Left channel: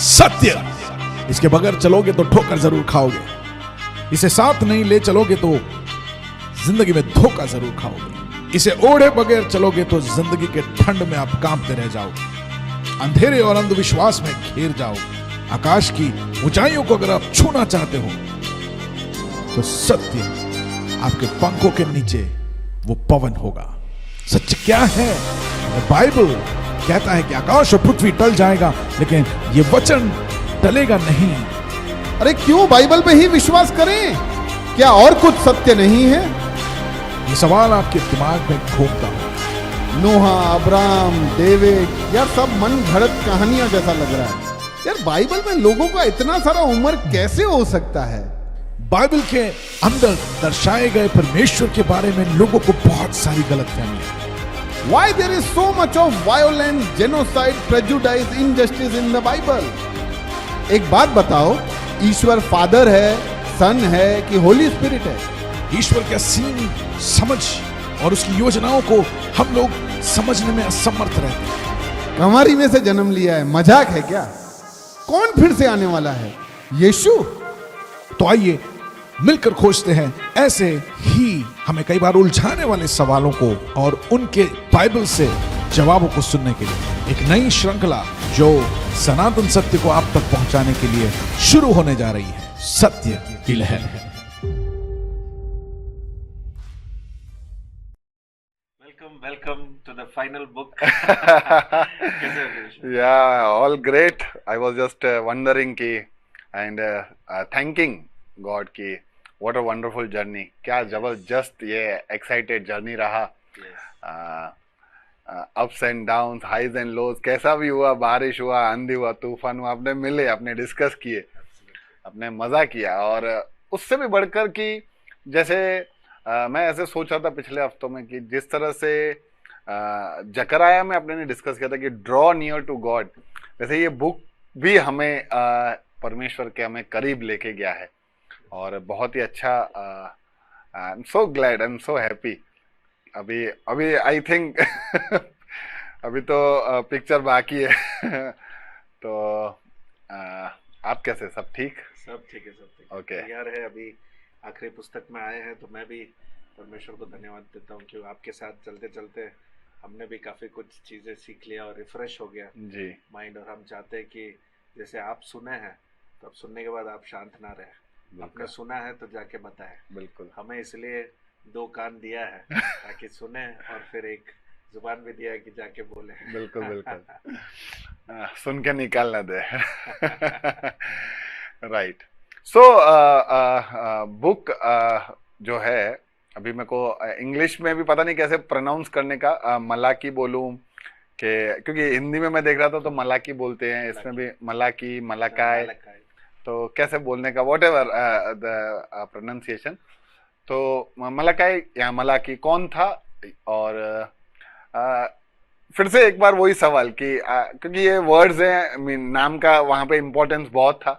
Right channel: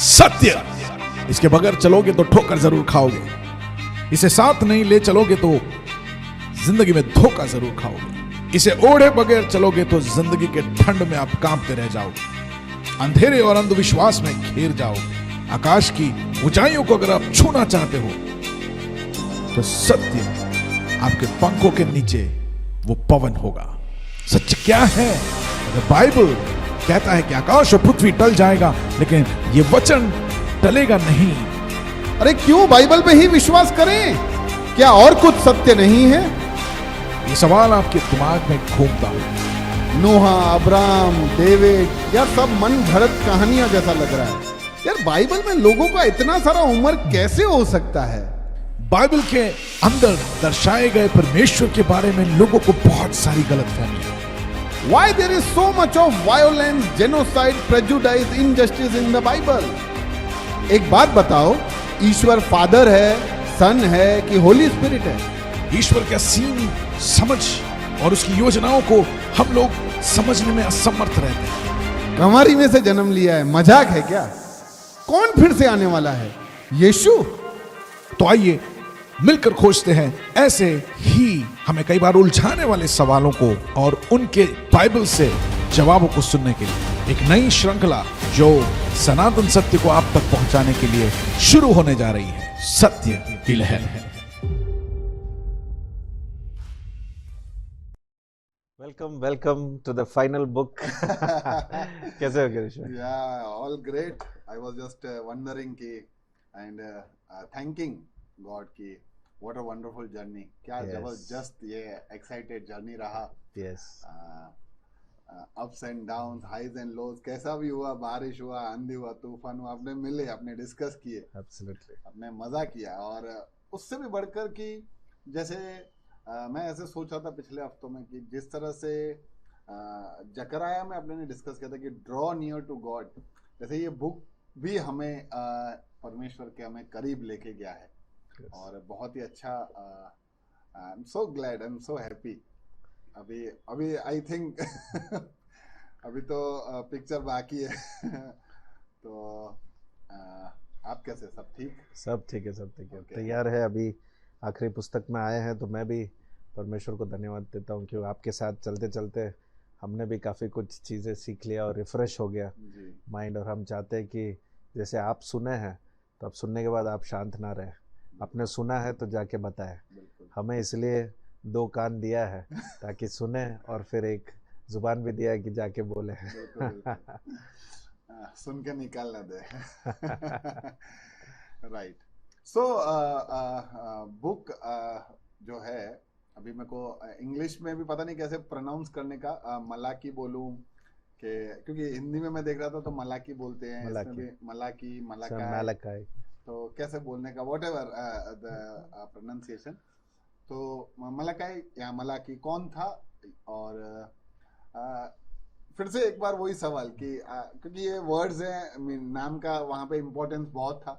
सत्य। इसके बगैर चलोगे तो ठोकर जरूर खाओगे, इसे साथ नहीं ले चलोगे तो जिंदगी में धोखा जरूर खाओगे, इसे ओढ़े बगैर चलोगे तो जिंदगी के ठंड में आप कांपते रह जाओगे, अंधेरे और अंधविश्वास में घिर जाओगे। आकाश की ऊंचाइयों को अगर आप छूना चाहते हो तो सत्य आपके पंखों के नीचे वो पवन होगा। सच क्या है? बाइबल कहता है कि आकाश और पृथ्वी टल जाएगा लेकिन ये वचन टलेगा नहीं। अरे क्यों बाइबल पे ही विश्वास करें? क्या और कुछ सत्य नहीं है? ये सवाल आपके दिमाग में घूमता हो। नोहा, अब्राहम, डेविड, यार सब मन घड़त कहानियां जैसा लग रहा है। यार बाइबल में लोगों का इतना सारा उम्र कैसे हो सकता है? बाइबल के अंदर दर्शाए गए परमेश्वर के बारे में लोगों को बहुत सारी गलतफहमियां। Why there is so much of violence, genocide, prejudice, injustice in the Bible? एक बात बताओ, ईश्वर फादर है, सन है कि होली स्पिरिट है? ईश्वर का सीन समझ और उसकी योजनाओं को हम लोग समझने में असमर्थ रहते हैं। कमारी में से जन्म लिया है, मजाक है क्या? कौन फिर से आने वाला है? यीशु? तो आइए मिलकर खोजते हैं ऐसे ही हमें कई बार उलझाने वाले सवालों को और उनके बाइबल से जवाबों को सुनने के लिए एक नई श्रृंखला जो सनातन सत्य को आप तक पहुंचाने के लिए शुरू होने जा रही है, सत्य की लहर। Welcome to the final book. कैसे हो Girish? Yeah, all great. I was just wondering कि and thanking God कि what a wonderful journey. क्या जबरदस्त ये excited journey रहा. Yes. Ups and downs, highs and lows, कैसा भी हुआ, बारिश हुआ, आंधी हुआ, तूफान हुआ, आपने मिले, आपने डिस्कस किए, Absolutely. आपने मजा किया। और उससे भी बढ़कर कि जैसे मैं ऐसे सोच रहा था पिछले हफ्तों में कि जिस तरह से जकराया में आपने डिस्कस किया था कि ड्रॉ नियर टू गॉड, वैसे ये बुक भी हमें परमेश्वर के हमें करीब लेके गया है। और बहुत ही अच्छा, I am so glad, I am so happy. अभी आई थिंक अभी तो पिक्चर बाकी है तो आप कैसे? सब ठीक? सब ठीक है, सब ठीक है। Okay. तैयार है, अभी आखिरी पुस्तक में आए हैं तो मैं भी परमेश्वर को धन्यवाद देता हूँ कि आपके साथ चलते चलते हमने भी काफ़ी कुछ चीज़ें सीख लिया और रिफ्रेश हो गया जी। माइंड। और हम चाहते हैं कि जैसे आप सुने हैं तो आप सुनने के बाद आप शांत ना रहे, आपने सुना है तो जाके बताएं। बिल्कुल। हमें इसलिए 2 कान दिया है ताकि सुने, और फिर एक जुबान भी दिया है कि जाके बोले। बिल्कुल बिल्कुल। सुन के निकालना दे। राइट। सो बुक जो है, अभी मेरे को इंग्लिश में भी पता नहीं कैसे प्रोनाउंस करने का, मलाकी बोलूं कि, क्योंकि हिंदी में मैं देख रहा था तो मलाकी बोलते हैं, इसमें भी मलाकी, मलाकाय, तो कैसे बोलने का, वॉट एवर द प्रोनाउंसिएशन। तो मलाकाय या मलाकी कौन था? और फिर से एक बार वही सवाल कि क्योंकि ये वर्ड्स हैं, नाम का वहां पे इम्पोर्टेंस बहुत था,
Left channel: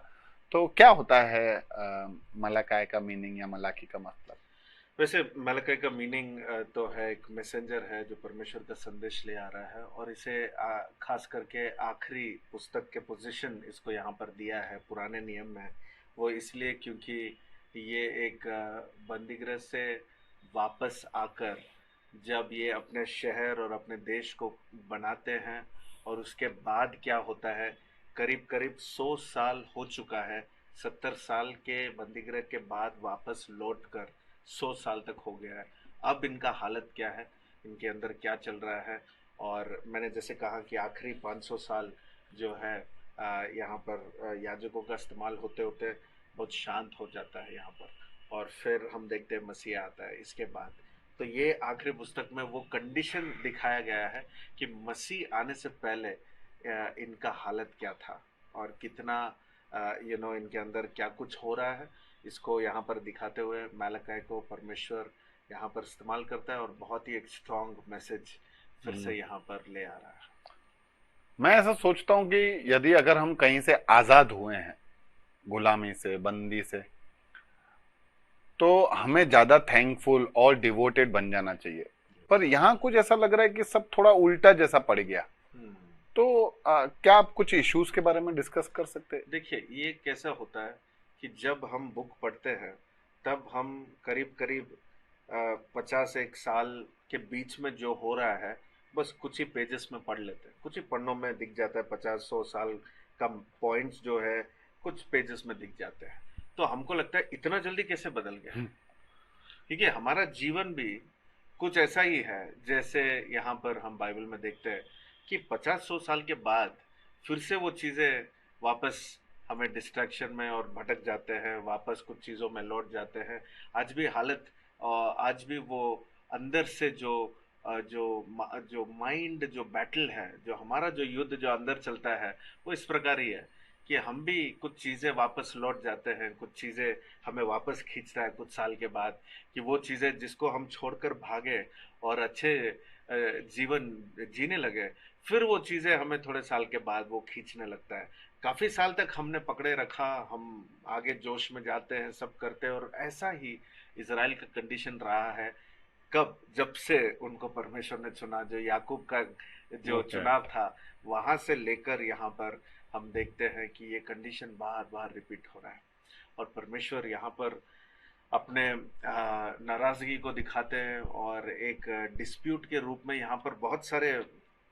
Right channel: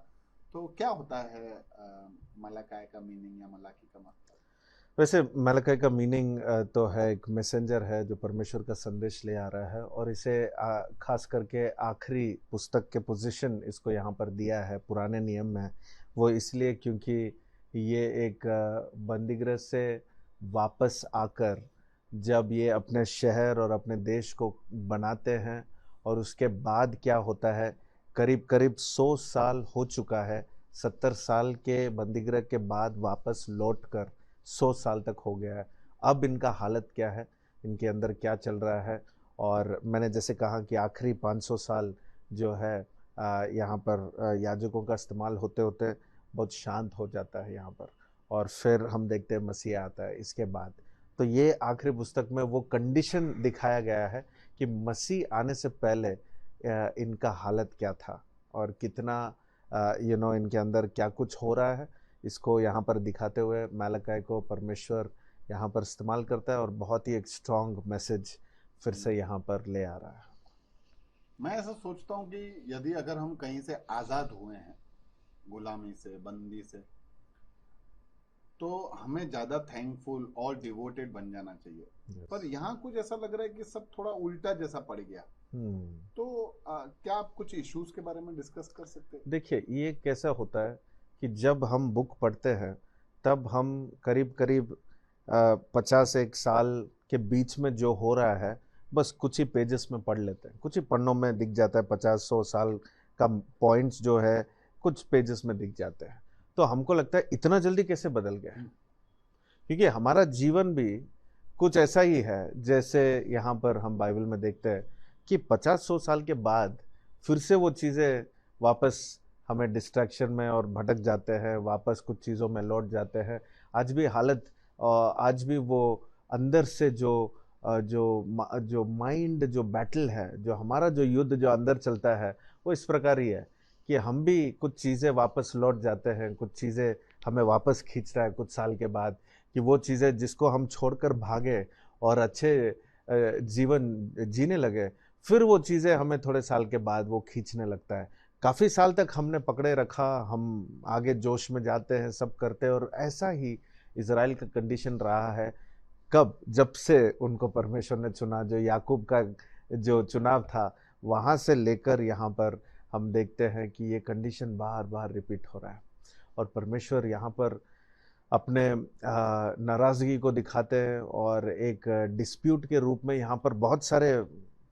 तो क्या होता है मलाकाय का मीनिंग या मलाकी का मतलब? वैसे मलाकी का मीनिंग तो है एक मैसेंजर है जो परमेश्वर का संदेश ले आ रहा है, और इसे खास करके आखिरी पुस्तक के पोजीशन इसको यहाँ पर दिया है पुराने नियम में। वो इसलिए क्योंकि ये एक बंदीगृह से वापस आकर जब ये अपने शहर और अपने देश को बनाते हैं, और उसके बाद क्या होता है, करीब करीब 100 साल हो चुका है, 70 साल के बंदीगृह के बाद वापस लौटकर 100 साल तक हो गया है। अब इनका हालत क्या है, इनके अंदर क्या चल रहा है? और मैंने जैसे कहा कि आखिरी 500 साल जो है यहाँ पर याजकों का इस्तेमाल होते होते बहुत शांत हो जाता है यहाँ पर, और फिर हम देखते हैं मसीह आता है इसके बाद। तो ये आखिरी पुस्तक में वो कंडीशन दिखाया गया है कि मसीह आने से पहले इनका हालत क्या था और कितना इनके अंदर क्या कुछ हो रहा है, इसको यहाँ पर दिखाते हुए मलाकी को परमेश्वर यहाँ पर इस्तेमाल करता है, और बहुत ही एक स्ट्रॉन्ग मैसेज फिर से यहाँ पर ले आ रहा है। मैं ऐसा सोचता हूँ कि यदि अगर हम कहीं से आजाद हुए हैं, गुलामी से, बंदी से, तो हमें ज्यादा थैंकफुल और डिवोटेड बन जाना चाहिए। पर यहाँ कुछ ऐसा लग रहा है कि सब थोड़ा उल्टा जैसा पड़ गया। तो क्या आप कुछ इश्यूज के बारे में डिस्कस कर सकते हैं? देखिए, ये कैसा होता है कि जब हम बुक पढ़ते हैं तब हम करीब करीब 50 एक साल के बीच में जो हो रहा है बस कुछ ही पेजेस में पढ़ लेते हैं, कुछ ही पन्नों में दिख जाता है। 50 100 साल का पॉइंट्स जो है कुछ पेजेस में दिख जाते हैं। तो हमको लगता है इतना जल्दी कैसे बदल गया। ठीक है, हमारा जीवन भी कुछ ऐसा ही है जैसे यहाँ पर हम बाइबल में देखते हैं कि 50 100 साल के बाद फिर से वो चीज़ें वापस हमें डिस्ट्रैक्शन में और भटक जाते हैं, वापस कुछ चीज़ों में लौट जाते हैं। आज भी हालत आज भी वो अंदर से जो माइंड जो बैटल है, जो हमारा जो युद्ध जो अंदर चलता है, वो इस प्रकार ही है कि हम भी कुछ चीज़ें वापस लौट जाते हैं, कुछ चीज़ें हमें वापस खींचता है कुछ साल के बाद, कि वो चीज़ें जिसको हम छोड़कर भागे और अच्छे जीवन जीने लगे, फिर वो चीज़ें हमें थोड़े साल के बाद वो खींचने लगता है। काफ़ी साल तक हमने पकड़े रखा, हम आगे जोश में जाते हैं, सब करते हैं, और ऐसा ही इज़राइल का कंडीशन रहा है। कब? जब से उनको परमेश्वर ने चुना, जो याकूब का जो चुनाव था, वहाँ से लेकर यहाँ पर हम देखते हैं कि ये कंडीशन बार बार रिपीट हो रहा है। और परमेश्वर यहाँ पर अपने नाराज़गी को दिखाते हैं और एक डिस्प्यूट के रूप में यहाँ पर बहुत सारे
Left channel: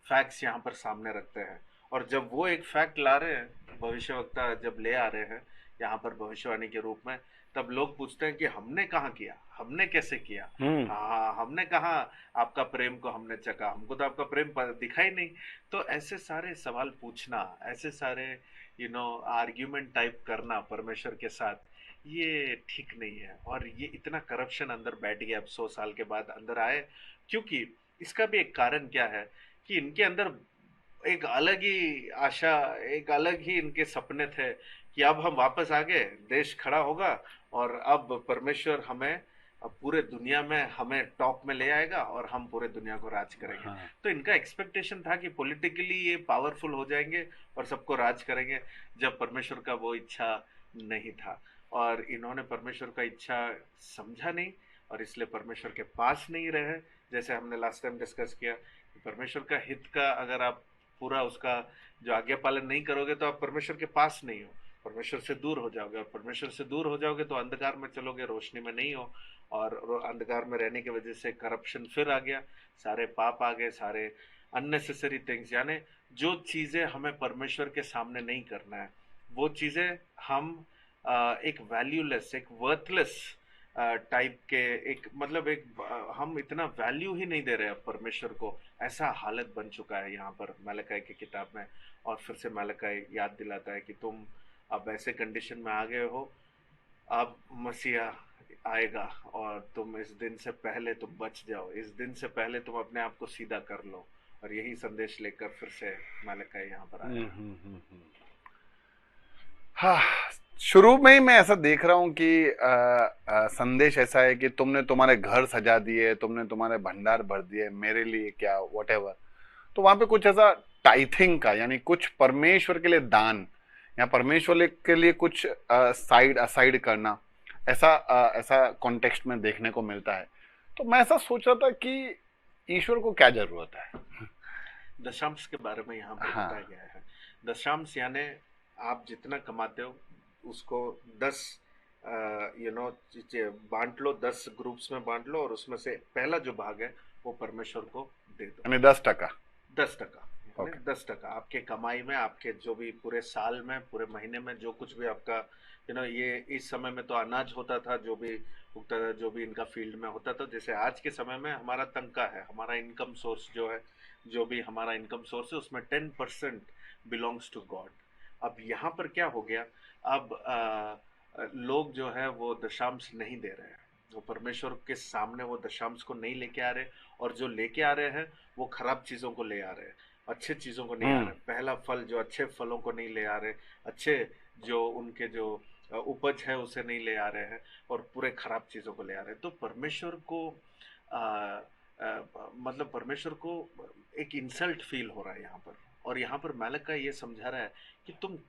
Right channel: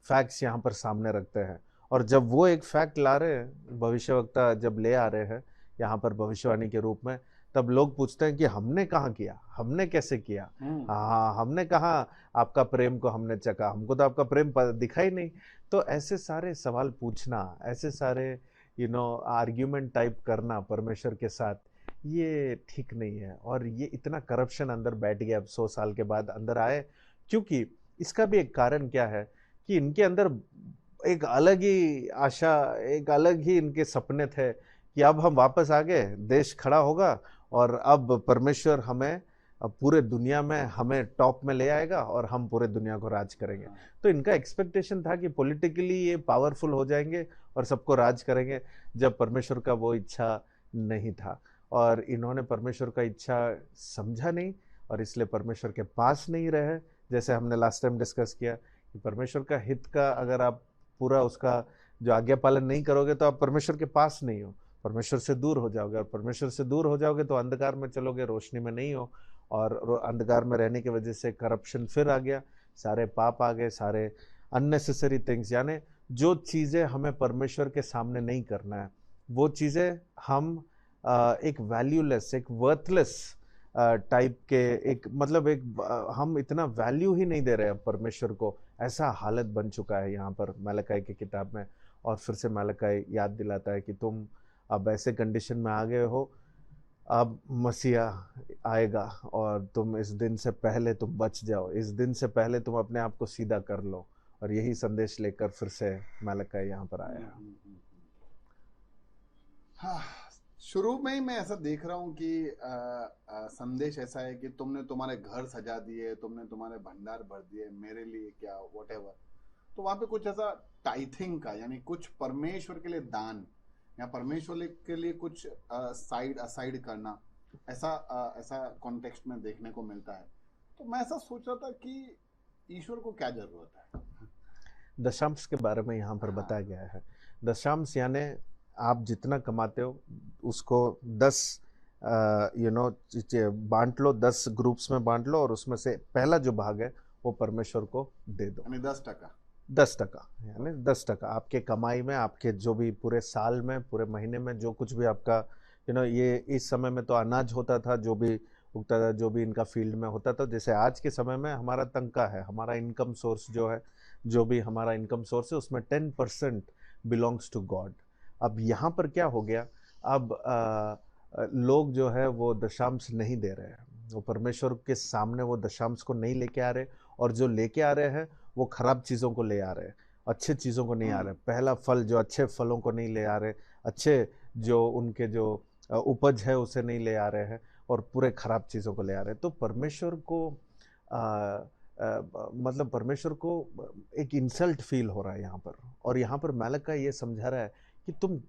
फैक्ट्स यहाँ पर सामने रखते हैं। और जब वो एक फैक्ट ला रहे हैं, भविष्यवक्ता जब ले आ रहे हैं यहाँ पर भविष्यवाणी के रूप में, तब लोग पूछते हैं कि हमने कहाँ किया, हमने कैसे किया, हाँ हमने कहाँ आपका प्रेम को हमने चखा, हमको तो आपका प्रेम दिखा ही नहीं। तो ऐसे सारे सवाल पूछना, ऐसे सारे आर्ग्यूमेंट टाइप करना परमेश्वर के साथ, ये ठीक नहीं है। और ये इतना करप्शन अंदर बैठ गया अब 100 साल के बाद अंदर आए, क्योंकि इसका भी एक कारण क्या है कि इनके अंदर एक अलग ही आशा, एक अलग ही इनके सपने थे कि अब हम वापस आ गए, देश खड़ा होगा और अब परमेश्वर हमें अब पूरे दुनिया में हमें टॉप में ले आएगा और हम पूरे दुनिया को राज करेंगे। तो इनका एक्सपेक्टेशन था कि पॉलिटिकली ये पावरफुल हो जाएंगे और सबको राज करेंगे, जब परमेश्वर का वो इच्छा नहीं था। और इन्होंने परमेश्वर का इच्छा समझा नहीं और इसलिए परमेश्वर के पास नहीं रहे। जैसे हमने लास्ट टाइम डिस्कस किया कि परमेश्वर का हित का अगर आप पूरा उसका जो आज्ञा पालन नहीं करोगे तो आप परमेश्वर के पास नहीं हो, परमेश्वर से दूर हो जाओगे। और परमेश्वर से दूर हो जाओगे तो अंधकार में चलोगे, रोशनी में नहीं हो। और अंधकार में रहने की वजह से करप्शन फिर आ गया, सारे पाप आ गए, सारे अननेसेसरी थिंग्स, यानी जो चीज़ें हमें परमेश्वर के सामने नहीं करना है, वो चीज़ें हम एक वैल्यूलेस, एक वर्थलेस टाइप के, एक मतलब एक हम इतना वैल्यू ही नहीं दे रहे हैं परमेश्वर को, ऐसा हालत बन चुका है यहाँ पर मलकाई की किताब में। और फिर से मलकाई याद दिलाता है कि तुम अब ऐसे कंडीशन में आ गए हो, अब मसीहा आएगा और तुम इस दिन से पहले तुम बच जाओ, इस दिन से पहले तुम अपने आप को सीधा कर लो। और यही संदेश लेकर फिर से मलकाई यहाँ पर आया। हाँ, शुरू में ही मैं ऐसा देख रहा हूँ कि संदेश ऐसा है कि तुमने तुम्हारे घर सजा दिए, तुमने तुम्हारे भंडार भर दिए, मेरे लिए क्या, व्हाटएवर। तो वहां पे कुछ ऐसा टाइथिंग का, यानी कुछ परमेश्वर के लिए दान या परमेश्वर के लिए कुछ साइड असाइड करना, ऐसा कॉन्टेक्स्ट में देखने को मिलता है। तो मैं ऐसा सोच रहा था कि ईश्वर को क्या जरूरत है। दशांश के बारे में यहाँ पर बताया गया है। दशांश यानी आप जितना कमाते हो उसको 10 बांट लो, 10 ग्रुप्स में बांट लो और उसमें से पहला जो भाग है वो परमेश्वर को दे दो, यानी 10%। 10% यानी 10% आपके कमाई में, आपके जो भी पूरे साल में, पूरे महीने में जो कुछ भी आपका ये इस समय में तो अनाज होता था, जो भी उगता था, जो भी इनका फील्ड में होता था। जैसे आज के समय में हमारा तनख्वाह है, हमारा इनकम सोर्स जो है, जो भी हमारा इनकम सोर्स है, उसमें 10% बिलोंग्स टू गॉड। अब यहाँ पर क्या हो गया, अब लोग जो है वो दशांश नहीं दे रहे हैं, वो परमेश्वर के सामने वो दशांश को नहीं लेके आ रहे, और जो लेके आ रहे हैं वो खराब चीज़ों को ले आ रहे हैं, अच्छे चीज़ों को नहीं आ रहे। पहला फल जो अच्छे फलों को नहीं ले आ रहे, अच्छे जो उनके जो उपज है उसे नहीं ले आ रहे हैं, और पूरे खराब चीज़ों को ले आ रहे हैं। तो परमेश्वर को मतलब परमेश्वर को एक इंसल्ट फील हो रहा है यहाँ पर। और यहाँ पर मालिक का ये समझा रहा है कि तुम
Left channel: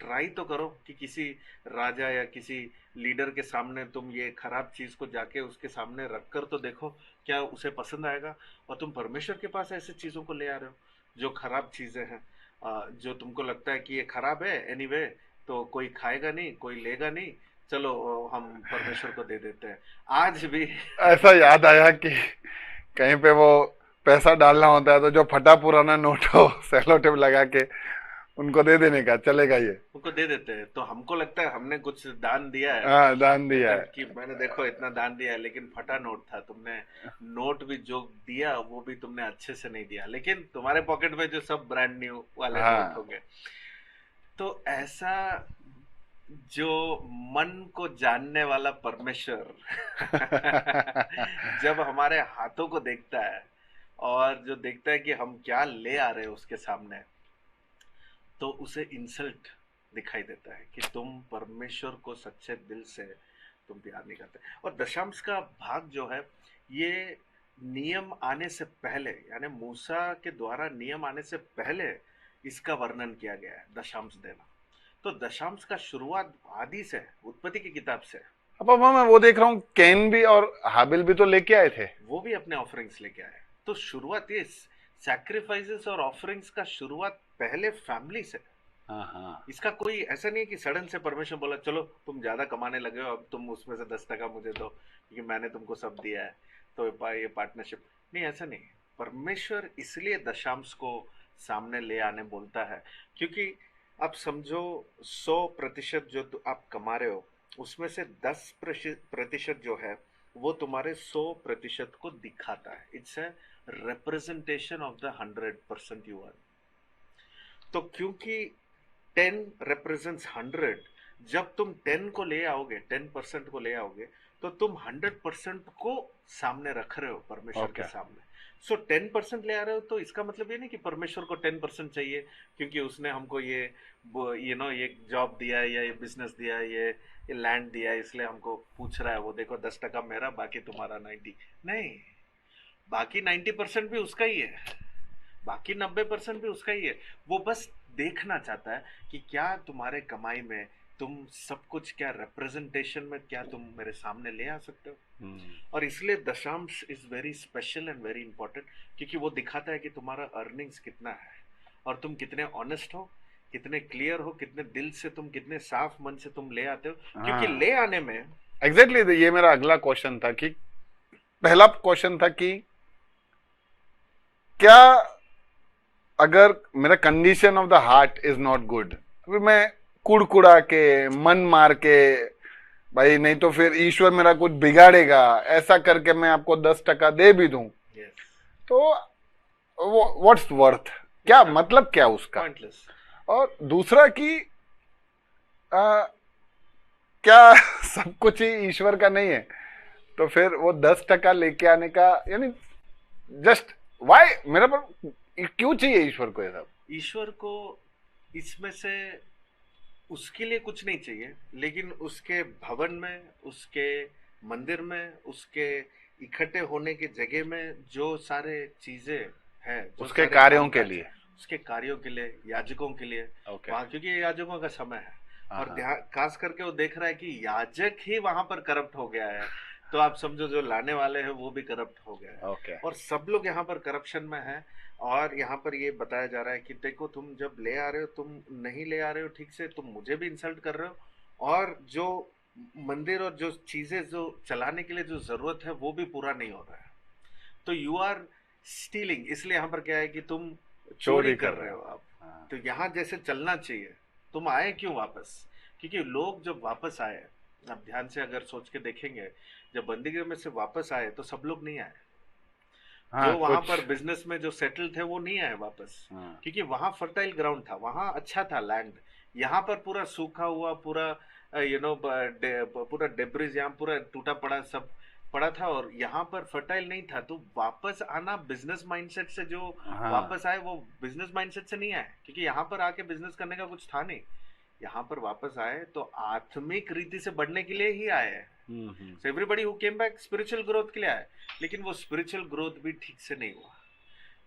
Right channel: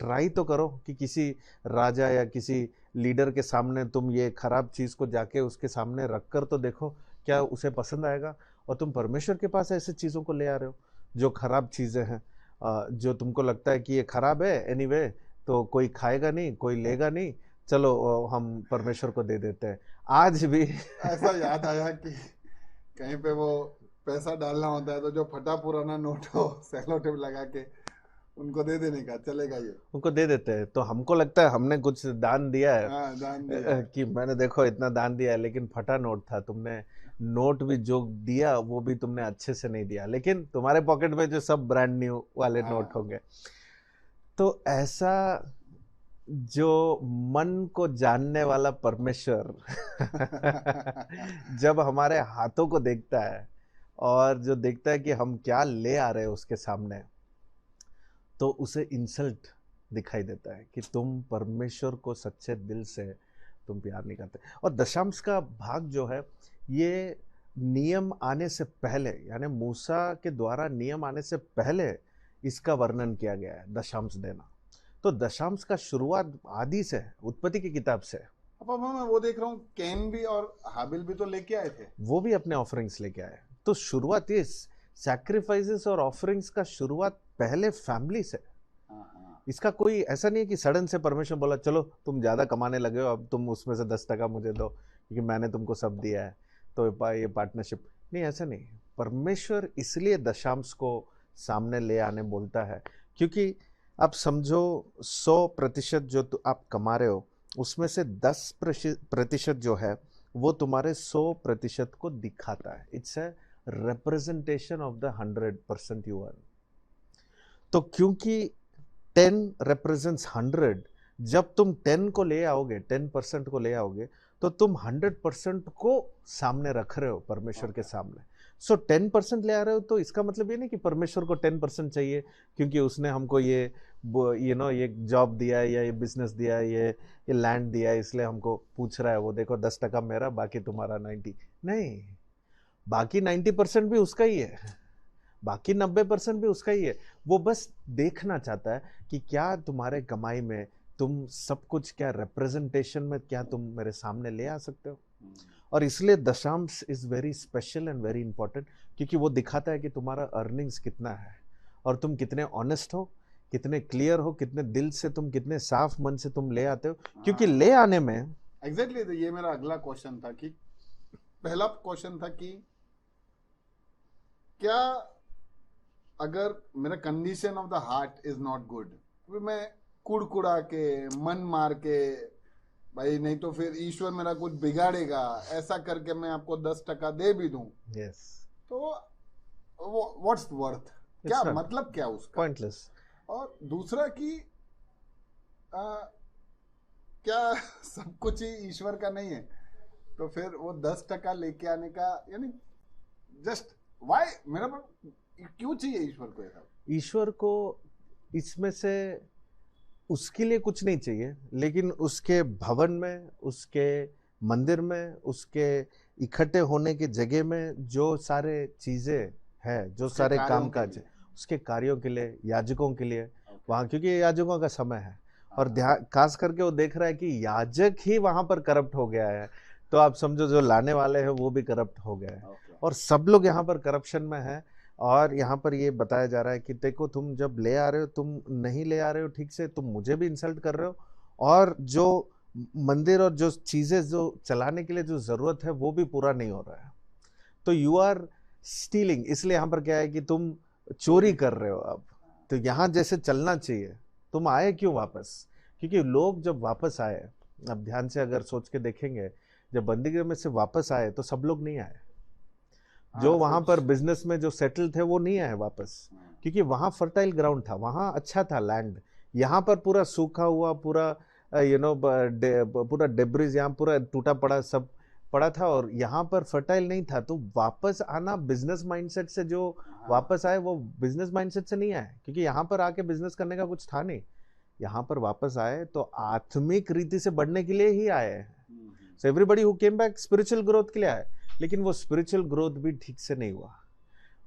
ट्राई तो करो कि किसी राजा या किसी लीडर के सामने तुम ये खराब चीज़ को जाके उसके सामने रख कर तो देखो क्या उसे पसंद आएगा। और तुम परमेश्वर के पास ऐसे चीज़ों को ले आ रहे हो। जो खराब चीजें हैं, जो तुमको लगता है कि ये खराब है एनीवे, तो कोई खाएगा नहीं, कोई लेगा नहीं, चलो हम परमेश्वर को दे देते हैं आज भी। ऐसा याद आया कि कहीं पे वो पैसा डालना होता है तो जो फटा पुराना नोट हो सेलो टेप लगा के उनको दे देने का, चलेगा ये। उनको दे देते हैं, तो हमको लगता है हमने कुछ दान दिया है, हाँ, दान दिया है। कि मैंने देखो इतना दान दिया है, लेकिन फटा नोट था। तुमने नोट भी जो दिया वो भी तुमने अच्छे से नहीं दिया, लेकिन तुम्हारे पॉकेट में जो सब ब्रांड न्यू वाले हाँ। नोट होंगे। तो ऐसा जो मन को जानने वाला परमेश्वर जब हमारे हाथों को देखता है और जो देखता है कि हम क्या ले आ रहे हैं उसके सामने, तो उसे इंसल्ट दिखाई देता है कि तुम परमेश्वर को सच्चे दिल से तुम प्यार नहीं करते। और दशांश का भाग जो है, ये नियम आने से पहले, यानी मूसा के द्वारा नियम आने से पहले इसका वर्णन किया गया है, दशांश देना। तो दशांश का शुरुआत आदि से है, उत्पत्ति की किताब से है। अब मैं वो देख रहा हूँ, कैन भी और हाबिल भी तो लेके आए थे। वो भी अपने ऑफरिंग्स लेके आए। तो शुरुआत ये सैक्रिफाइसेस और ऑफरिंग्स का शुरुआत पहले फैमिली से। हाँ। इसका कोई ऐसा नहीं है कि सडन से परमेश्वर बोला चलो तुम ज्यादा कमाने लगे हो, अब तुम उसमें से 10% मुझे दो क्योंकि मैंने तुमको सब दिया है, तो ये पार्टनरशिप नहीं, ऐसा नहीं। परमेश्वर इसलिए दशांश को सामने ले आने बोलता है क्योंकि आप समझो 100% जो आप कमा रहे हो उसमें से 10% जो है वो तुम्हारे 100% को दिखाता है। It's a representation of the 100% you earn। तो क्योंकि 10 represents 100, जब तुम 10 को ले आओगे, 10% को ले आओगे, तो तुम 100% को सामने रख रहे हो परमेश्वर के सामने। सो 10% ले आ रहे हो, तो इसका मतलब ये नहीं कि परमेश्वर को 10% चाहिए क्योंकि उसने हमको ये ये जॉब दिया है या ये बिजनेस दिया है, ये लैंड दिया है, इसलिए हमको पूछ रहा है वो देखो 10% मेरा बाकी तुम्हारा 90। नहीं, बाकी 90% भी उसका ही है, बाकी 90% भी उसका ही है। वो बस देखना चाहता है कि क्या तुम्हारे कमाई में तुम सब कुछ, क्या रिप्रेजेंटेशन में क्या तुम मेरे सामने ले आ सकते हो। और इसलिए दशांश is very special and very important क्योंकि वो दिखाता है कि तुम्हारा अर्निंग्स कितना है और तुम कितने ऑनेस्ट हो, कितने क्लियर हो, कितने दिल से तुम, कितने साफ मन से तुम ले आते हो। क्योंकि ले आने में एग्जैक्टली ये मेरा अगला क्वेश्चन था कि पहला क्वेश्चन था कि क्या अगर मेरा condition of the heart is not good, अभी मैं कुड़कुड़ा के मन मार के भाई नहीं तो फिर ईश्वर मेरा कुछ बिगाड़ेगा ऐसा करके मैं आपको 10% दे भी दूं, तो व्हाट्स वर्थ, क्या मतलब क्या उसका, पॉइंटलेस। और दूसरा कि क्या सब कुछ ही ईश्वर का नहीं है, तो फिर वो 10% लेके आने का यानी जस्ट वाई, मेरा पर क्यों चाहिए ईश्वर को ये सब। ईश्वर को इसमें से उसके लिए कुछ नहीं चाहिए, लेकिन उसके भवन में, उसके मंदिर में, उसके इकट्ठे होने की जगह में जो सारे चीजें हैं, जो उसके सारे कार्यों के लिए, उसके कार्यों के लिए, याजकों के लिए वहां, क्योंकि ये याजकों का समय है। और खास करके वो देख रहा है कि याजक ही वहां पर करप्ट हो गया है, तो आप समझो जो लाने वाले हैं वो भी करप्ट हो गए हैं। और सब लोग यहाँ पर करप्शन में हैं। और यहाँ पर ये बताया जा रहा है कि देखो तुम जब ले आ रहे हो, तुम नहीं ले आ रहे हो ठीक से, तुम मुझे भी इंसल्ट कर रहे हो, और जो मंदिर और जो चीजें जो चलाने के लिए जो जरूरत है वो भी पूरा नहीं हो रहा है, तो यू आर स्टीलिंग। इसलिए यहाँ पर क्या है कि तुम चोरी कर रहे हो। अब तो यहाँ जैसे चलना चाहिए, तुम आए क्यों वापस? क्योंकि लोग जब वापस आए, अब ध्यान से अगर सोच के देखेंगे, जब बंदीगृह में से वापस आए तो सब लोग नहीं आए। जो वहां पर बिजनेस में जो सेटल थे वो नहीं आए वापस, क्योंकि वहां फर्टाइल ग्राउंड था, वहां अच्छा था लैंड। यहाँ पर पूरा सूखा हुआ, पूरा पूरा डेब्रिज, यहाँ पूरा टूटा पड़ा सब पड़ा था, और यहाँ पर फर्टाइल नहीं था। तो वापस आना बिजनेस माइंडसेट से, जो वापस आए वो बिजनेस माइंडसेट से नहीं आए, क्योंकि यहाँ पर आके बिजनेस करने का कुछ था नहीं। यहाँ पर वापस आए तो आत्मिक रीति से बढ़ने के लिए ही आए हैं। So everybody who came back spiritual growth के लिए आए, लेकिन वो स्पिरिचुअल ग्रोथ भी ठीक से नहीं हुआ।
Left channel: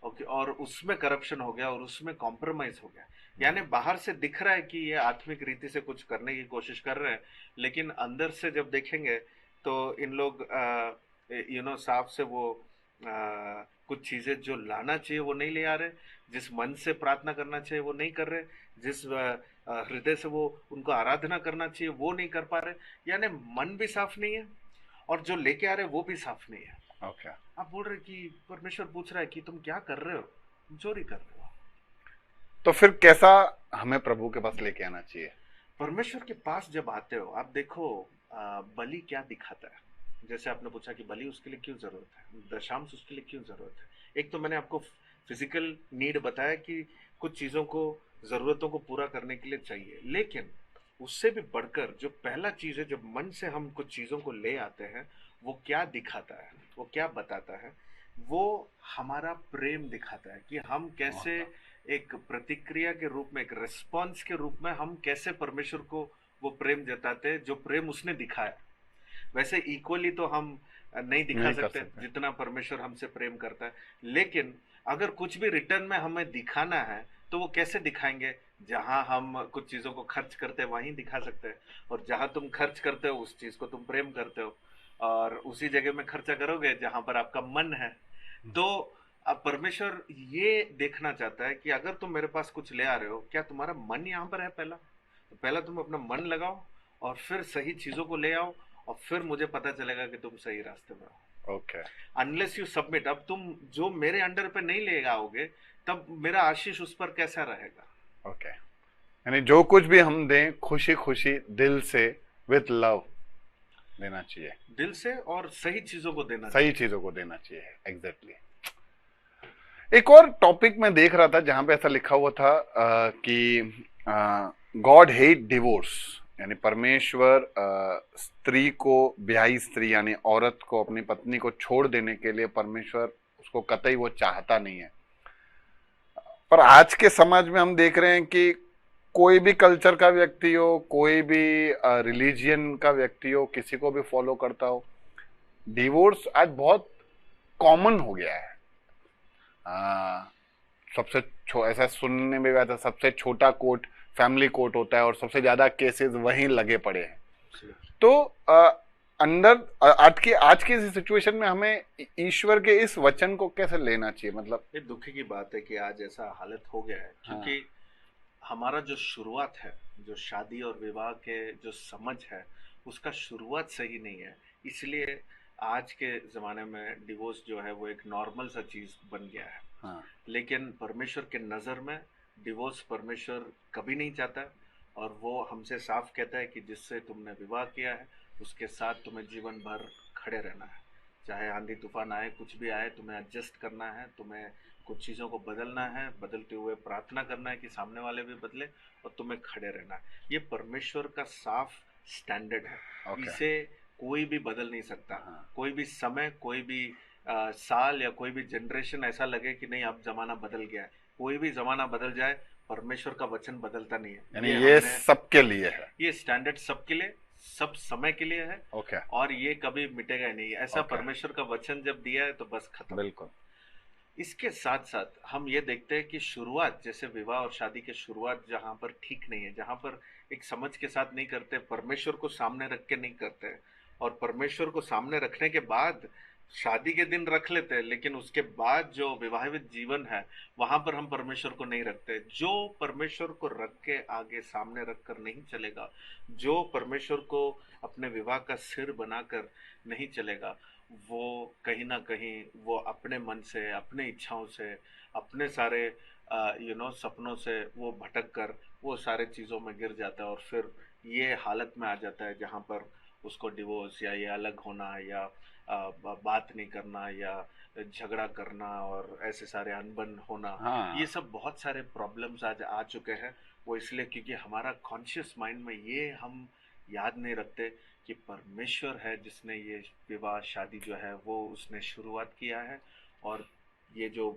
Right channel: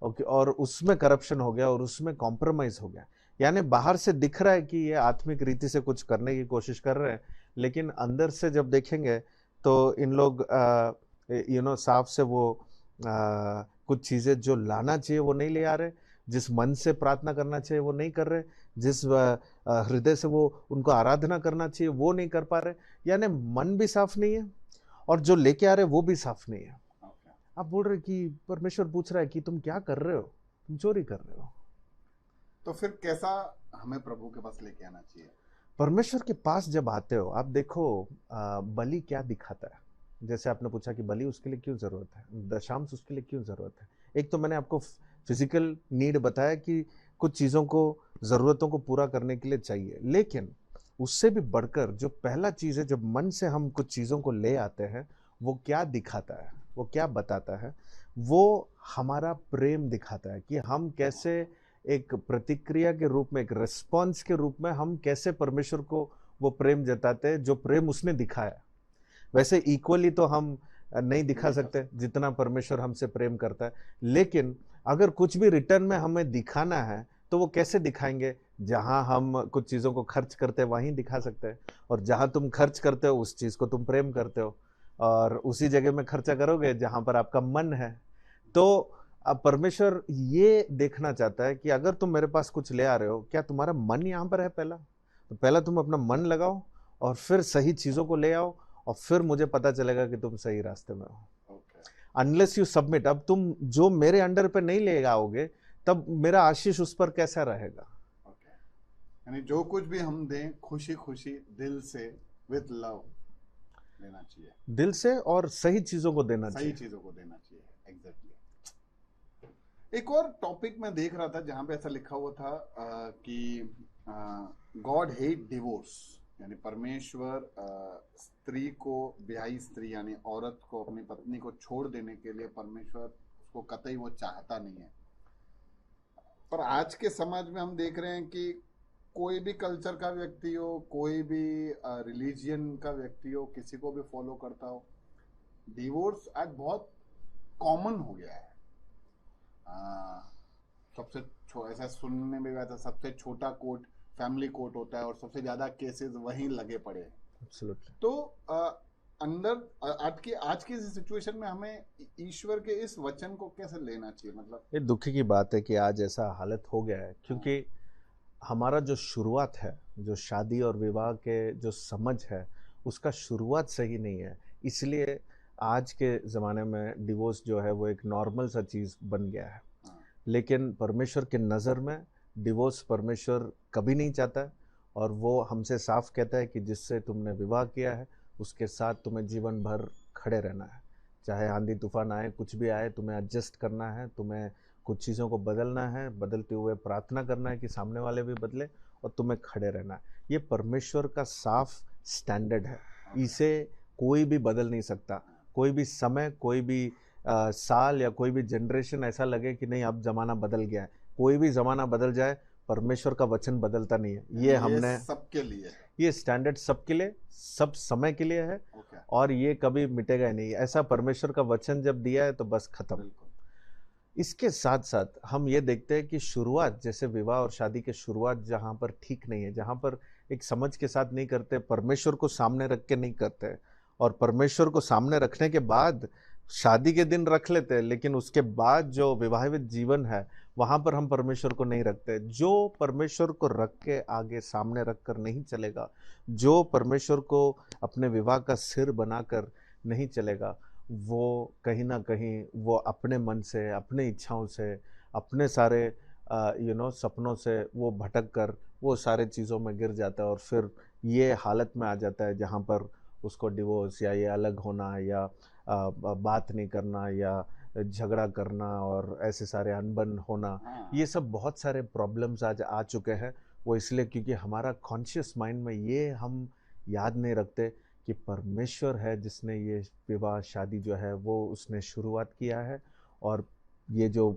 ओके, और उसमें करप्शन हो गया और उसमें कॉम्प्रोमाइज हो गया। यानी बाहर से दिख रहा है कि ये आत्मिक रीति से कुछ करने की कोशिश कर रहे हैं, लेकिन अंदर से जब देखेंगे तो इन लोग साफ से वो कुछ चीजें जो लाना चाहिए वो नहीं ले आ रहे, जिस मन से प्रार्थना करना चाहिए वो नहीं कर रहे, जिस हृदय से वो उनको आराधना करना चाहिए वो नहीं कर पा रहे, यानी मन भी साफ नहीं है और जो लेके आ रहे वो भी साफ नहीं है। ओके। आप बोल रहे कि परमेश्वर पूछ रहा है कि तुम क्या कर रहे हो, तुम चोरी कर रहे हो। तो फिर कैसा हमें प्रभु के पास लेके आना चाहिए? परमेश्वर के पास जब आते हो आप देखो बलि क्या दिखाता है। जैसे आपने पूछा कि बलि उसके लिए क्यों जरूरत है, दशांश उसके लिए क्यों जरूरत है। एक तो मैंने आपको फिजिकल नीड बताया कि कुछ चीजों को, जरूरतों को पूरा करने के लिए चाहिए, लेकिन उससे भी बढ़कर जो पहला चीज है, जब मन से हम कुछ चीजों को ले आते हैं, वो क्या दिखाता है, वो क्या बताता है, वो हमारा प्रेम दिखाता है कि हम कैसे एक प्रतिक्रिया के रूप में, एक रिस्पॉन्स के रूप में हम कैसे परमेश्वर को वो प्रेम जताते हैं जो प्रेम उसने दिखाया। वैसे इक्वली तो हम नहीं दिखा नहीं कर सकते सकते। जितना परमेश्वर हमसे प्रेम करता है, लेकिन अगर कुछ भी रिटर्न में हमें दिखाना है तो वो कैसे दिखाएंगे। जहां हम कुछ चीजों को खर्च करते हैं वहीं दिखा सकते हैं, और जहां तुम खर्च करते हो उस चीज को तुम प्रेम करते हो, और उसी जगह में खर्चा करोगे जहां पर आपका मन है। तो अब परमेश्वर ये देखना चाहता है कि अगर तुम मेरे पास कुछ ले आ रहे हो, क्या तुम्हारा मन यहाँ पर है पहला, तो पहला तुम अपना मन लगाओ और फिर सही चीजों को ले आओ, और फिर मुझे पता चलेगा कि तुम सही रास्ते में हो। ओके। अनलेस यू सबमिट, अब तुम जो मेरे अंडर पे नहीं ले आओगे तब मेरा आशीष उस पर कैसा रहेगा। ओके, यानी जो कुछ भी हम दें खुशी खुशी दिल से विथ लव देना चाहिए, दिल से और सही चीजों को देना सही चाहिए। चीजों को देना चाहिए। एग्जैक्टली। एक और टॉपिक में देख रहा था जहां पे ऐसा लिखा हुआ था कि गॉड हेट डिवोर्स, यानी परमेश्वर स्त्री को, ब्याही स्त्री यानी औरत को, अपनी पत्नी को छोड़ देने के लिए परमेश्वर उसको कतई वो चाहता नहीं है। पर आज के समाज में हम देख रहे हैं कि कोई भी कल्चर का व्यक्ति हो, कोई भी रिलीजियन का व्यक्ति हो, किसी को भी फॉलो करता हो, डिवोर्स आज बहुत कॉमन हो गया है। सबसे ऐसा सुनने में भी आता है, सबसे छोटा कोर्ट फैमिली कोर्ट होता है और सबसे ज्यादा केसेस वहीं लगे पड़े हैं। Absolutely. तो आज की सिचुएशन में हमें ईश्वर के इस वचन को कैसे लेना चाहिए? मतलब ये दुखी की बात है कि आज ऐसा हालत हो गया है, क्योंकि हमारा जो शुरुआत है, जो शादी और विवाह के जो समझ है, उसका शुरुआत सही नहीं है। इसलिए आज के ज़माने में डिवोर्स जो है वो एक नॉर्मल सा चीज़ बन गया है। हाँ, लेकिन परमेश्वर के नज़र में डिवोर्स परमेश्वर कभी नहीं चाहता है, और वो हमसे साफ कहता है कि जिससे तुमने विवाह किया है उसके साथ तुम्हें जीवन भर खड़े रहना है। चाहे आंधी तूफान आए, कुछ भी आए, तुम्हें एडजस्ट करना है, तुम्हें कुछ चीज़ों को बदलना है, बदलते हुए प्रार्थना करना है कि सामने वाले भी बदले, और तुम्हें खड़े रहना है। ये परमेश्वर का साफ स्टैंडर्ड है। ओके। इसे कोई भी बदल नहीं सकता। कोई भी समय, कोई भी साल या कोई भी जनरेशन ऐसा लगे कि नहीं अब जमाना बदल गया है, कोई भी जमाना बदल जाए, परमेश्वर का वचन बदलता नहीं है। यानी ये सबके लिए है, ये स्टैंडर्ड सबके लिए, सब समय के लिए है, ओके, और ये कभी मिटेगा ही नहीं। ऐसा ओके। परमेश्वर का वचन जब दिया है तो बस खत्म। बिल्कुल। इसके साथ साथ हम ये देखते हैं कि शुरुआत, जैसे विवाह और शादी की शुरुआत जहाँ पर ठीक नहीं है, जहाँ पर एक समझ के साथ नहीं करते, परमेश्वर को सामने रख के नहीं करते, और परमेश्वर को सामने रखने के बाद शादी के दिन रख लेते हैं, लेकिन उसके बाद जो विवाहित जीवन है वहां पर हम परमेश्वर को नहीं रखते। जो परमेश्वर को रख के आगे सामने रख कर नहीं चलेगा, जो परमेश्वर को अपने विवाह का सिर बनाकर नहीं चलेगा, वो कहीं ना कहीं वो अपने मन से, अपने इच्छाओं से, अपने सारे सपनों से वो भटक कर वो सारे चीज़ों में गिर जाता है, और फिर ये हालत में आ जाता है जहाँ पर उसको डिवोर्स या ये अलग होना या बात नहीं करना या झगड़ा करना और ऐसे सारे अनबन होना, हाँ, ये सब बहुत सारे प्रॉब्लम्स आज आ चुके हैं। वो इसलिए क्योंकि हमारा कॉन्शियस माइंड में ये हम याद नहीं रखते कि परमेश्वर है जिसने ये विवाह शादी जो है वो उसने शुरुआत किया है, और ये जो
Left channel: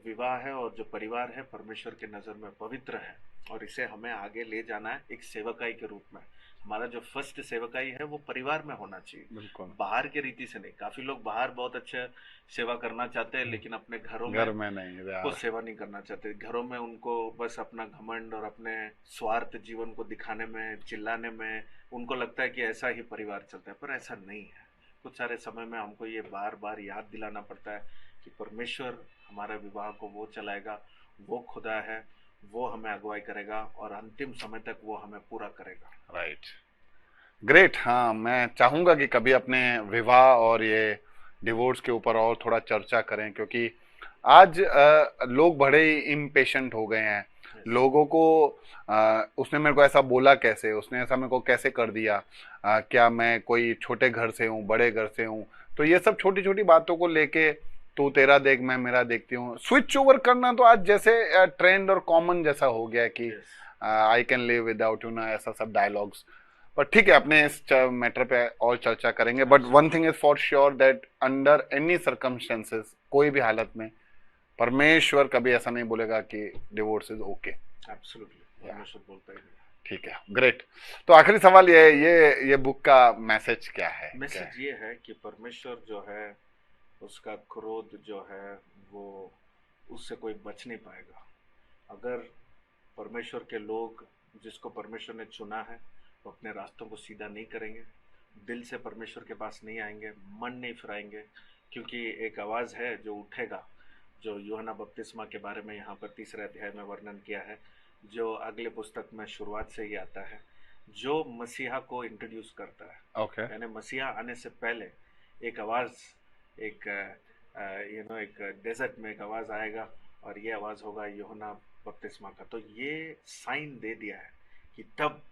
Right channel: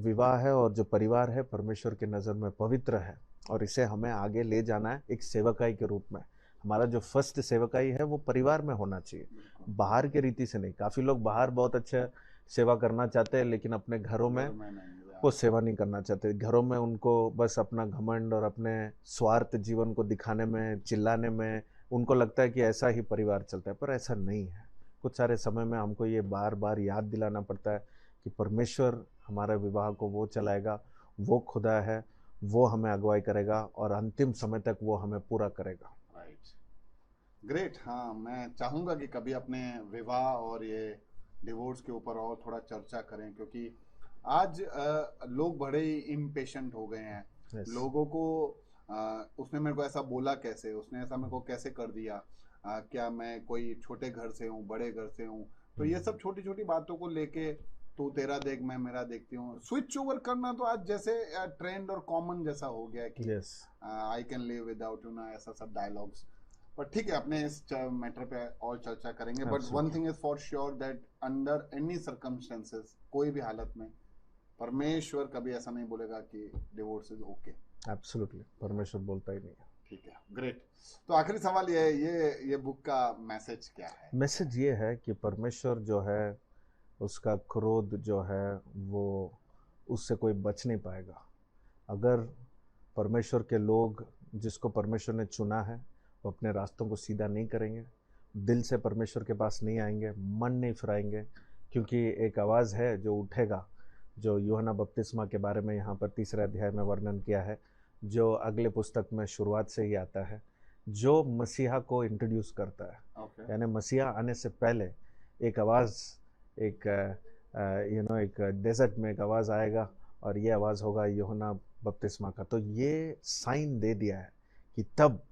विवाह है और जो परिवार है परमेश्वर के नज़र में पवित्र है, और इसे हमें आगे ले जाना है एक सेवकाई के रूप में। हमारा जो फर्स्ट सेवकाई है वो परिवार में होना चाहिए, बिल्कुल। बाहर के रीति से नहीं। काफ़ी लोग बाहर बहुत अच्छा सेवा करना चाहते हैं, लेकिन अपने घरों घर में में नहीं वो सेवा नहीं करना चाहते। घरों में उनको बस अपना घमंड और अपने स्वार्थ जीवन को दिखाने में, चिल्लाने में उनको लगता है कि ऐसा ही परिवार चलता है, पर ऐसा नहीं है। कुछ सारे समय में हमको ये बार बार याद दिलाना पड़ता है कि परमेश्वर हमारे विवाह को वो चलाएगा, वो खुदा है, वो हमें अगुवाई करेगा और अंतिम समय तक वो हमें पूरा करेगा। Right, great. हाँ, मैं चाहूंगा कि कभी अपने विवाह और ये डिवोर्स के ऊपर और थोड़ा चर्चा करें, क्योंकि आज लोग बड़े ही इम्पेशेंट हो गए हैं। Yes. लोगों को उसने मेरे को ऐसा बोला कैसे, उसने ऐसा मेरे को कैसे कर दिया, क्या मैं कोई छोटे घर से हूँ, बड़े घर से हूँ, तो ये सब छोटी छोटी बातों को लेके तू तेरा देख मैं मेरा देखती हूँ, स्विच ओवर करना तो आज जैसे ट्रेंड और कॉमन जैसा हो गया है कि Yes. I can live without you ना, ऐसा सब डायलॉग्स। पर ठीक है, अपने इस मैटर पे और चर्चा करेंगे। But one thing is for sure that under any circumstances, कोई भी हालत में परमेश्वर कभी ऐसा नहीं बोलेगा कि डिवोर्स इज ओके। एब्सोल्युटली, परमेश्वर बोलता ही नहीं। ठीक है, ग्रेट। तो आखिरी सवाल ये है, ये बुक का मैसेज क्या है? मैसेज ये है कि परमेश्वर जो है, उसका क्रोध जो है वो, उससे कोई बच नहीं पाएगा। अगर परमेश्वर के लोग, जिसको परमेश्वर ने चुना है, वो अपने रास्तों को सीधा नहीं करेंगे, दिल से परमेश्वर के पास नहीं आएंगे, मन नहीं फिराएंगे, क्योंकि एक आवाज़ है जो उठेगा, जो यूहन्ना बपतिस्मा के बारे में यहाँ पर 3 अध्याय में वर्णन किया है, जो अगले पुस्तक में शुरुआत से ही आता है, जो मसीहा को इंट्रोड्यूस करता है। ओके, यानी मसीहा आने से पहले एक आवाज़, एक एक डेजर्ट में एक आवाज़ आएगा, और ये आवाज़ होगा यूहन्ना बपतिस्मा का। तो ये साइन दे दिया है कि तब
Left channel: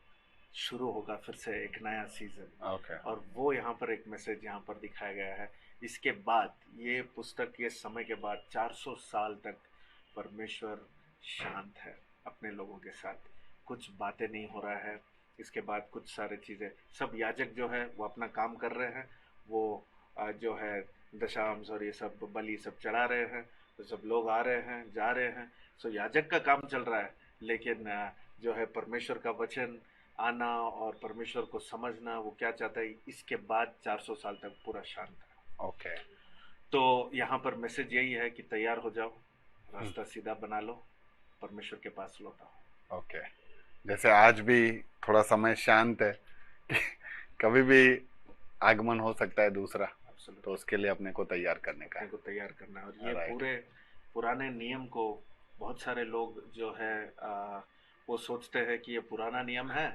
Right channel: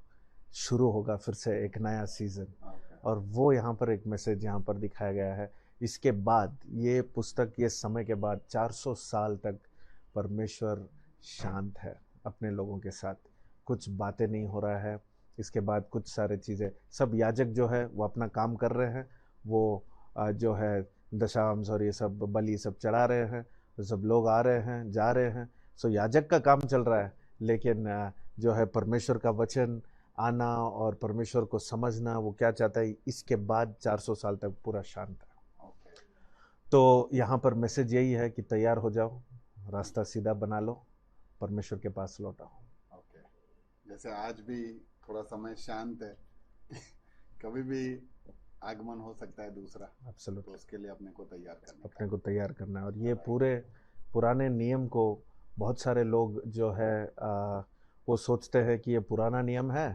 शुरू होगा फिर से एक नया सीजन, ओके, और वो यहाँ पर एक मैसेज यहाँ पर दिखाया गया है। इसके बाद ये पुस्तक, ये समय के बाद 400 साल तक परमेश्वर शांत है अपने लोगों के साथ, कुछ बातें नहीं हो रहा है। इसके बाद कुछ सारे चीज़ें, सब याजक जो है वो अपना काम कर रहे हैं, वो जो है दशांश और ये सब बलि सब चढ़ा रहे हैं, तो सब लोग आ रहे हैं, जा रहे हैं, सो याजक का काम चल रहा है। लेकिन जो है परमेश्वर का वचन आना और परमेश्वर को समझना, वो क्या चाहता है, इसके बाद 400 साल तक पूरा शांत है। ओके। तो यहाँ पर मैसेज यही है कि तैयार हो जाओ, रास्ता सीधा बना लो, परमेश्वर के पास लौट आओ। ओके, जैसे आज भी थोड़ा समय शांत है, कभी भी आगमन हो सकता है दूसरा, Absolutely. तो उसके लिए अपने को तैयार करने का अपने को तैयार करना है। और ये Right. पूरे पुराने नियम को बहुत सारे लोग जो है वो सोचते हैं कि ये पुराना नियम है,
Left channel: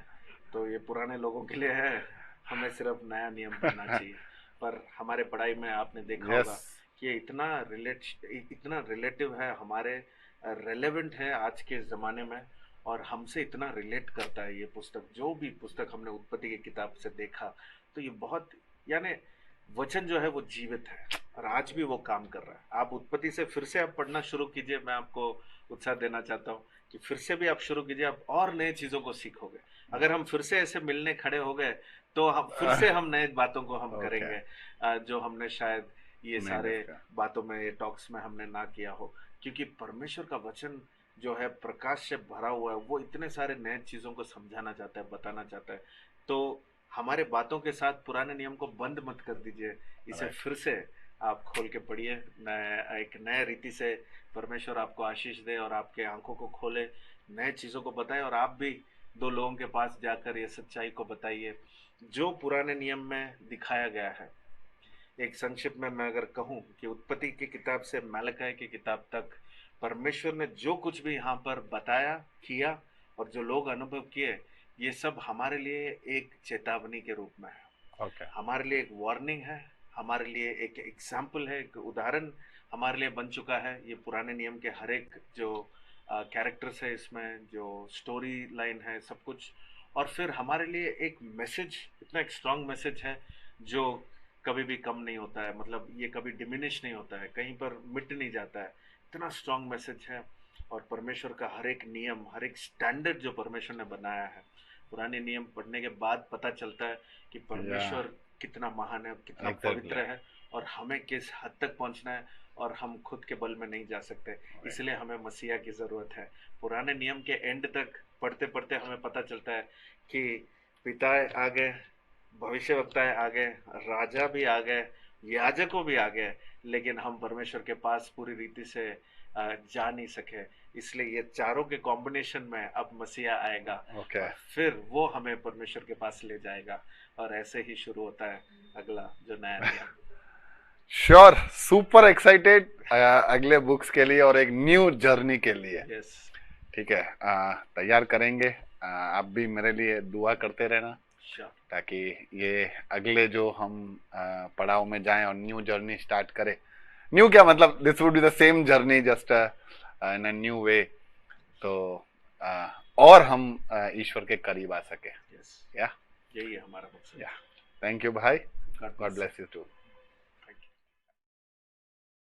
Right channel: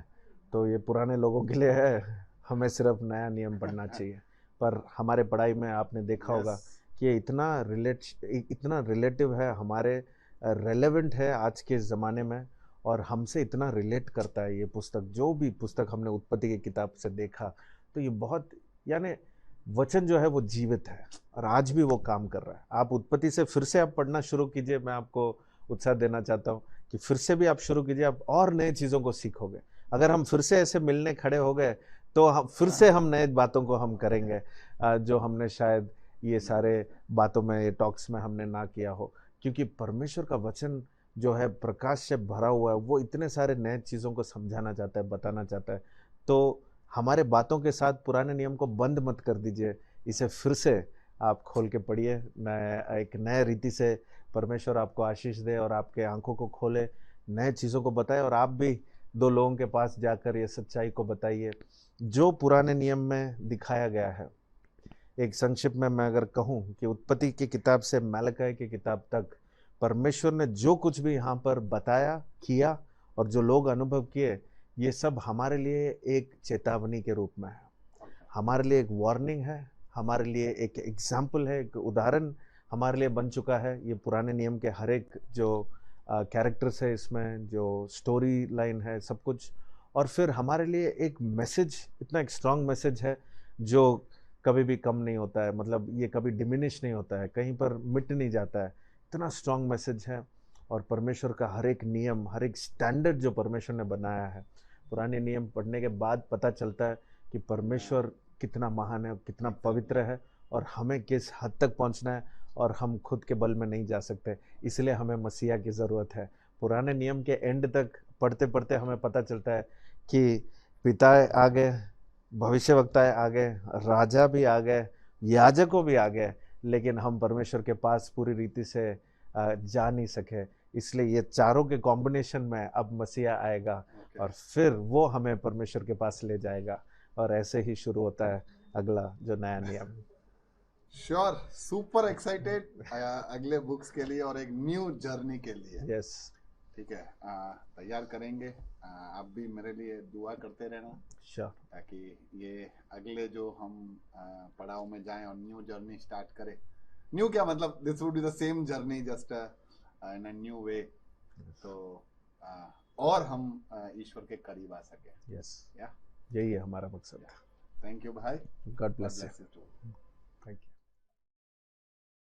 तो ये पुराने लोगों के लिए है, हमें सिर्फ नया नियम पढ़ना चाहिए। पर हमारे पढ़ाई में आपने देखा Yes. होगा कि ये इतना रिलेटिव है, हमारे रेलेवेंट है आज के ज़माने में, और हमसे इतना रिलेट करता है ये पुस्तक। जो भी पुस्तक हमने उत्पत्ति की किताब से देखा, तो ये बहुत, यानी वचन जो है वो जीवित है और आज भी वो काम कर रहा है। आप उत्पत्ति से फिर से आप पढ़ना शुरू कीजिए, मैं आपको उत्साह देना चाहता हूँ कि फिर से भी आप शुरू कीजिए, आप और नए चीज़ों को सीखोगे। अगर हम फिर से ऐसे मिलने खड़े हो गए, तो हम फिर से हम नए बातों को हम करेंगे, जो हमने शायद ये सारे बातों में, ये टॉक्स में हमने ना किया हो। क्योंकि परमेश्वर का वचन जो है प्रकाश से भरा हुआ है, वो इतने सारे नए चीज़ों को समझाना चाहता है, बताना चाहता है। तो हमारे बातों के साथ पुराने नियम को बंद मत कर दीजिए, इसे फिर से आप खोल के पढ़िए, एक नए रीति से। परमेश्वर आपको आशीष दे और आपके आंखों को खोले, नए चीज़ों को बताए, और आप भी 2 लोगों के पास जाकर ये सच्चाई को बताइए जो पुराने नियम में दिखाया गया है। एक संक्षिप्त में मैं अगर कहूँ कि उत्पत्ति की किताब से मलाकी की किताब तक परमेश्वर ने जो कुछ भी यहाँ पर बताया, किया, और जो लोग अनुभव किए, ये सब हमारे लिए एक चेतावनी के रूप में है। हमारे लिए एक वार्निंग है, हमारे लिए एक एग्जाम्पल है, एक उदाहरण हमारे लिए बन चुका है। ये पुराने नियम के हर एक जो कैरेक्टर्स है, इसमें जो स्टोरी लाइन है, सब कुछ। और फिर हमारे लिए एक मैसेज, इतना एक स्ट्रांग मैसेज है जो कभी भी कम नहीं होता है, मतलब ये कभी डिमिनिश नहीं होता है, कहीं पर मिट नहीं जाता है, इतना स्ट्रांग मैसेज है। और परमेश्वर का हर एक नियम, हर एक स्टैंडर्ड जो परमेश्वर ने बनाया है, पुराने नियम पढ़ने के बाद पता चलता है कि परमेश्वर कितना महान है, कितना पवित्र है, और हमें किस हद तक पहुंचना है, और हम खुद के बल में नहीं जा सकते। इसलिए हमें मसीहा की ज़रूरत है। पुराने नियम के एंड तक पढ़ते पढ़ते हमें पता चलता है कि पिताएं आ गए, भविष्यवक्ताएं आ गए, राजा भी आ गए, याजकों भी आ गए, लेकिन हम परमेश्वर के पास पूरी रीति से जा नहीं सके। इसलिए ये चारों के कॉम्बिनेशन में अब मसीहा आएगा, और फिर वो हमें परमेश्वर के पास ले जाएगा, और ऐसे ही शुरू होता है अगला जो नया नियम। श्योर, सुपर एक्साइटेड अगले बुक्स के लिए और एक न्यू जर्नी के लिए। यस, ठीक है, तैयार करेंगे। आप भी मेरे लिए दुआ करते रहना श्योर। ताकि ये अगले जो हम पड़ाव में जाएं और न्यू जर्नी स्टार्ट करें। न्यू क्या मतलब, this would be the same journey just in a new way. तो और हम ईश्वर के करीब आ सके। यस, या यही है हमारा मकसद। थैंक यू भाई, God God bless bless you to.